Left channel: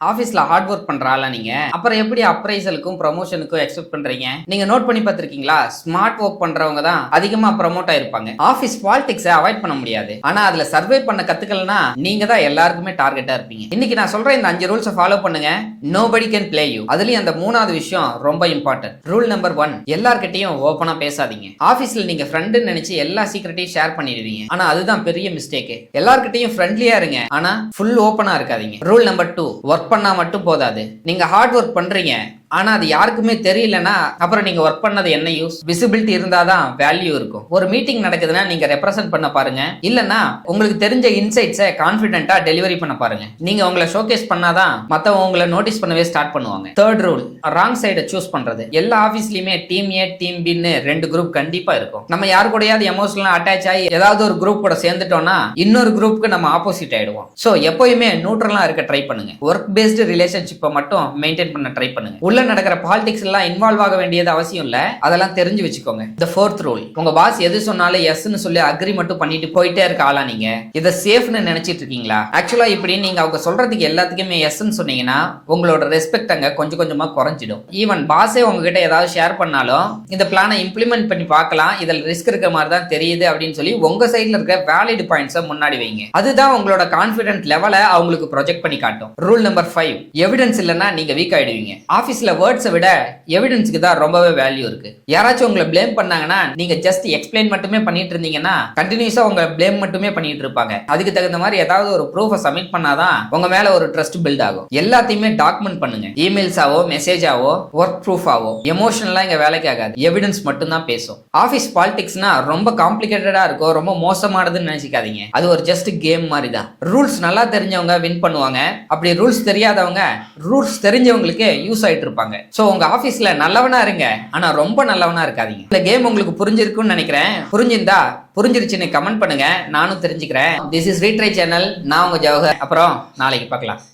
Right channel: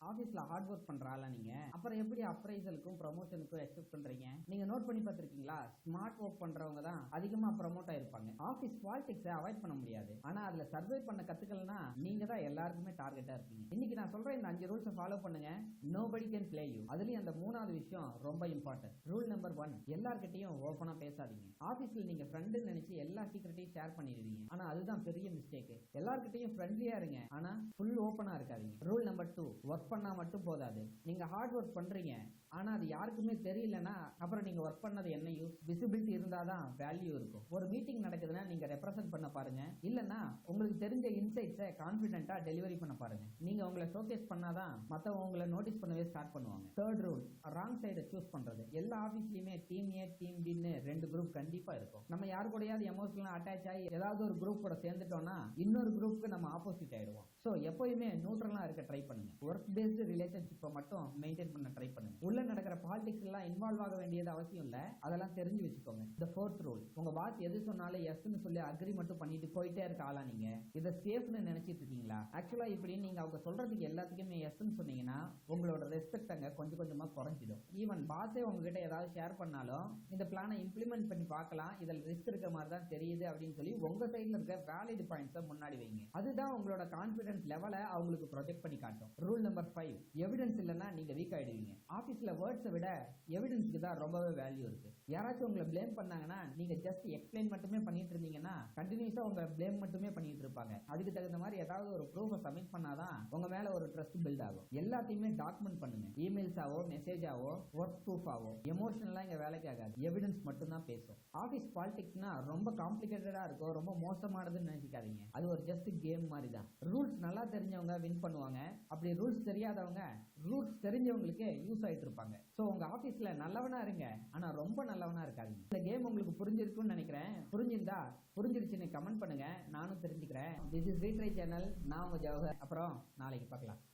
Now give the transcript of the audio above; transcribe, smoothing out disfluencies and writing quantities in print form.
ஆபீஸ்ல hard work பண்ற ஆளா நீங்க? அப்புறம் எப்படி அப்ரைசலுக்கும் ப்ரமோஷனுக்கும் எக்ஸ்பெக்ட் பண்றீங்க? நீங்க நோட் பண்ணி பார்த்திருக்கீங்களா? ஸ்மார்ட் ஒர்க் பண்றவங்க தான் அதிகமா ப்ரமோட் ஆயிருப்பாங்க. ஆபீஸ் பாலிடிக்ஸை அவாய்ட் பண்ண முடியாது. ஆனா அதுல சர்வே பண்ண கத்துக்கலனா நீங்க தான் எல்லாருக்குமே டார்கெட்டா இருப்பீங்க. இன்னைக்கு நான் சொல்ற இந்த 5 ரூல்ஸை ஃபாலோ பண்ணுங்க. Nobody can play you. அதுலயும் அந்த மூணாவது விஷயம் ரொம்ப இம்பார்ட்டன்ட். ரூல் நம்பர் 1, எல்லார்கிட்டயும் ஓபனா பேசாதீங்க. ஆபீஸ்ல நீங்க ஃப்ரெண்டுன்னு நினைச்சு எல்லா சீக்ரெட்டையும் ஷேர் பண்ணிடுவீங்க. ஆனா அதுதான் பெரிய மிஸ்டேக். எல்லார்கிட்டயும் ஃப்ரெண்ட்லியா இருங்க, ஆனா ஃபுல் ஓபனா இருக்காதீங்க. ரூல் நம்பர் 2, ஒர்க் பண்ணா மட்டும் போதாது. நீங்க ஹார்ட் ஒர்க் பண்றீங்க, ஆனா அது யாருக்குமே தெரியலனா அப்புறம் நீங்க ஒர்க் பண்ணது என்ன யூஸ்? விசிபிலிட்டி இருந்தாதான் வேல்யூ இருக்கும். ஒரு மீட்டிங் நடக்குதுன்னா நீங்க ரெப்ரசென்ட் பண்ண பாருங்க, இல்லனா உங்களுக்கு தெரிஞ்ச இன்சைட்ஸை கான்ஃபிடென்ட்டா டெலிவரி பண்ண பாருங்க. நீங்க உங்களை ஷோகேஸ் பண்ணாதான் மத்தவங்க உங்களை நோட்டீஸ் பண்ணவே ஸ்டார்ட் பண்ணுவாங்க. தேர்ட் ரூல், ராங் சைடை சூஸ் பண்றது. எல்லா ஆபீஸ்லயுமே டீம் ஏ டீம் பின்னு 2 குரூப் கண்டிப்பா இருக்கும். நம்ம யாரு கூடயாவது எமோஷனலா அட்டாச் ஆகி ஏதாவது ஒரு குரூப் கூட சேர்ந்துட்டோம்னா இன்னொரு குரூப்புக்கு நம்ம ஆப்போசிட் ஆயிடுவோம். சோ எப்பயுமே நியூட்ரலா இருக்க ட்ரை பண்ணுங்க. ஒர்க் பேஸ்டு ரிலேஷன்ஷிப்பை மட்டும் மெயின்டைன் பண்ண ட்ரை பண்ணுங்க. உள்ள நடக்கிற பாலிடிக்ஸ் எல்லாம் இன்வால்வ் ஆக வேண்டியது அவசியம் இல்ல, அதெல்லாம் தெரிஞ்சு வச்சுக்கோங்க. the fourth rule, உங்க பாஸ் எது சொன்னாலும் எஸ்னு சொல்லி அக்ரி மட்டும் பண்ணிட்டு போயிட்டே இருக்க ஆளா நீங்க? இத சேஃப்னு நினைச்சிட்டு இருக்கீங்களா? ஆக்சுவலா இப்படி நீங்க அவங்க சொல்றதுக்கு எல்லாத்துக்குமே எஸ்ன்னு சொன்னீங்கன்னா உங்களோட ரெஸ்பெக்ட் அங்க கொஞ்சம் கொஞ்சமா குறைஞ்சிடும். ஈவன் பாஸே உங்ககிட்ட ஏதாவது ஷேர் பண்ணாலும் இந்த பிளானை இம்ப்ளிமெண்ட் பண்ணி பார்க்கலாம், இதுல ரிஸ்க் இருக்க மாதிரி தான் தெரியுது அப்படின்னு சொல்லி உங்க சைட்ல இருக்க வேலிட் பாயிண்ட்ஸை முன்னாடி வைங்க. அதுதான் உங்களோட கான்ஃபிடென்ட் லெவலை அவங்களுக்கு ப்ரொஜெக்ட் பண்ணி காட்டும். ரூல் நம்பர் 5, எவிடன்ஸ் இல்லைன்னா நீங்க வீக் ஆயிடுவீங்க. ஆபீஸ்ல வேர்ட்ஸை விட எவிடன்ஸ்க்கு தான் ரொம்பவே வேல்யூ இருக்கு. யாராச்சும் உங்களை ப்ளேம் பண்ணாங்கன்னா நீங்க ஜஸ்ட் எக்ஸ்பிளைன் மட்டுமே பண்ணிட்டு இருந்தீங்கன்னா கண்டினியூஸா உங்க ப்ளேம் மட்டுமே பண்ணிட்டு இருப்பாங்க. அதுக்கு தகுந்த மாதிரி ஏதாவது ஒரு ப்ரூஃபை சப்மிட் பண்ணாதான் உங்க மேல ஒரு ட்ரஸ்ட் பில்ட் ஆகும். எல்லாத்தையுமே டாக்குமெண்ட் பண்ணுங்க. இமெயில்ஸாவோ மெசேஜாவோ ஒர்க் ப்ரூஃபாவோ. எமோஷனலா இங்க வேலைக்கு ஆகாது, எவிடன்ஸ் மட்டும் தான் பேசும். ஆபீஸ் பாலிடிக்ஸ்னா ரொம்ப காம்ப்ளிகேட்டடா இருக்கும், ரொம்ப மோசமானதுன்னு நினைச்சிக்காதீங்க. அது ஒரு ஜஸ்ட் கேம் மாதிரி தான். ரூல்ஸ் நல்லா தெரிஞ்சவங்க வின் பண்ணுவாங்க, அப்படி ரூல்ஸ் தெரியாதவங்க ரூல்ஸ் தெரிஞ்சவங்களுக்கு யூஸ் ஆயிட்டு இருப்பாங்க. சோ உங்க ஆபீஸ்ல நல்லவனா இருங்க, ஆனா ரொம்ப நல்லவனா இருக்காதீங்க. இந்த கேம் உங்களுக்கு புரிஞ்சிருக்கும்னு நினைக்கிறேன். புரிஞ்சிருந்தா புரிஞ்சிருச்சுன்னு கமெண்ட் பண்ணுங்க, நானும் தெரிஞ்சுக்கிறேன். This is retry channel. நான் உங்க ஜவஹர். அப்புறம் நாளைக்கு பார்க்கலாம்.